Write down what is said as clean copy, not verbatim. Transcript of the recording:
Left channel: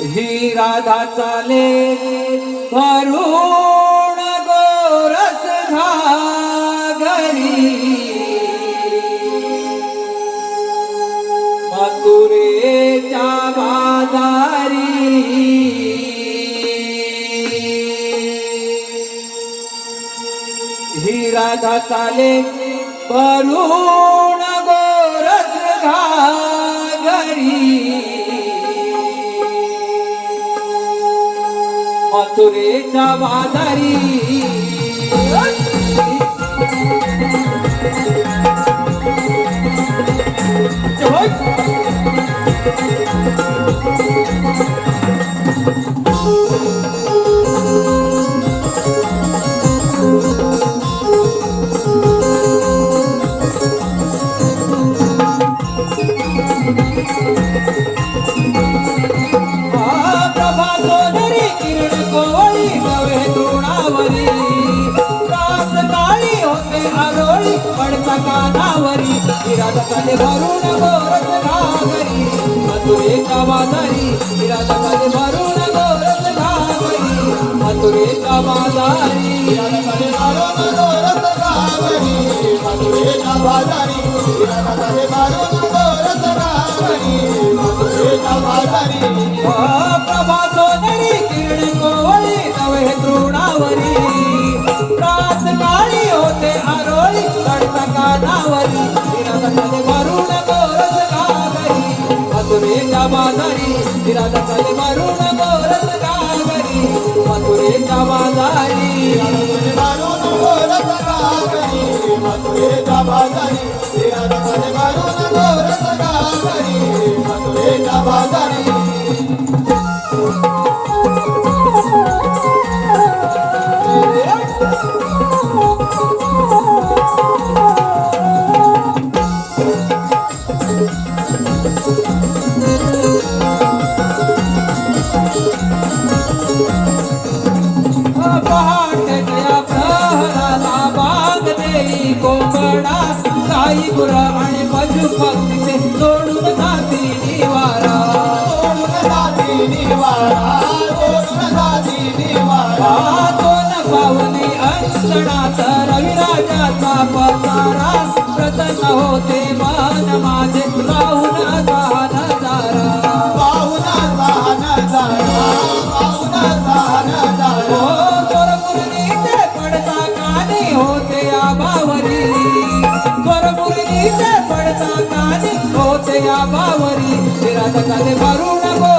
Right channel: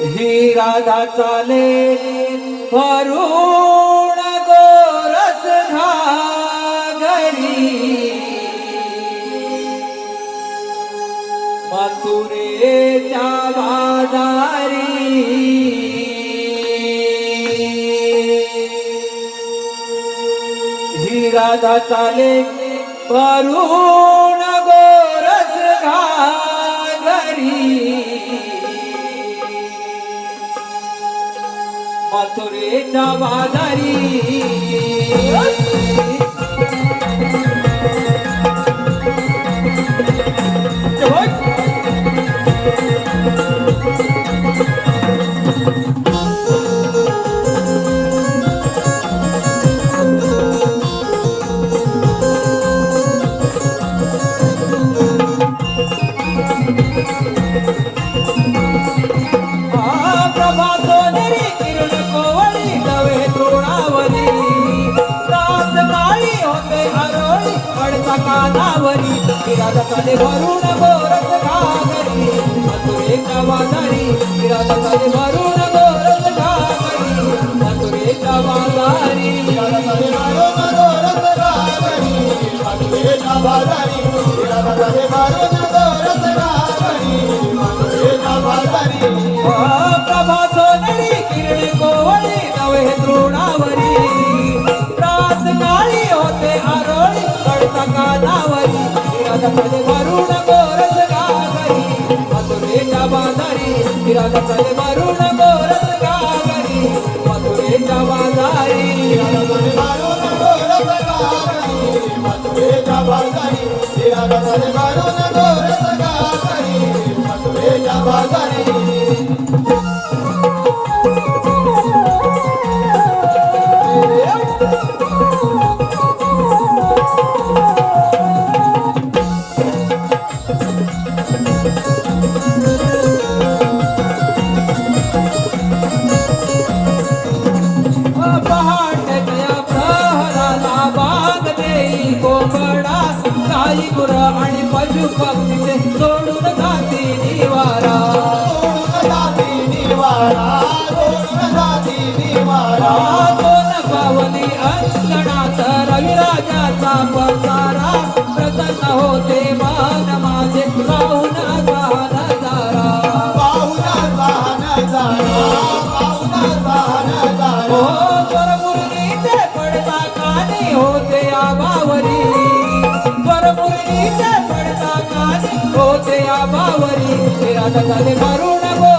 ही राधा चाले वरुण गोरस घागरी मथुरेच्या बाजारी ही राधा चाले वरुण गोरस घागरी मथुरेच्या बाजारी वरुण गोरस घागरी मथुरेच्या बाजारी राधा चाले वरुण गोरस घागरी मथुरेच्या बाजारी राधा चाले वरुण गोरस घागरी मथुरेच्या बाजारी राधा चाले वरुण गोरस घागरी मथुरेच्या बाजारी प्रभा सोनेरी किरण कोवळी नवे तृणावरी रात काळी होते आरोळी पडता कानावरी वरुण गोरस घागरी मथुरेच्या बाजारी राधा चाले वरुण गोरस घागरी मथुरेच्या बाजारी वरुण गोरस घागरी मथुरेच्या बाजारी राधा चाले वरुण गोरस घागरी मथुरेच्या बाजारी गुरा आणि पशु पक्षीचे सोडून जाती निवारा दोन पावली अंगणात रविराजाचा पसारा प्रसन्न होते मन माझे पाहुन गहन जारा स्वरमुरलीचे पडता कानी होते आबावरी पडता कानी होते आबावरी राधा चाले वरुण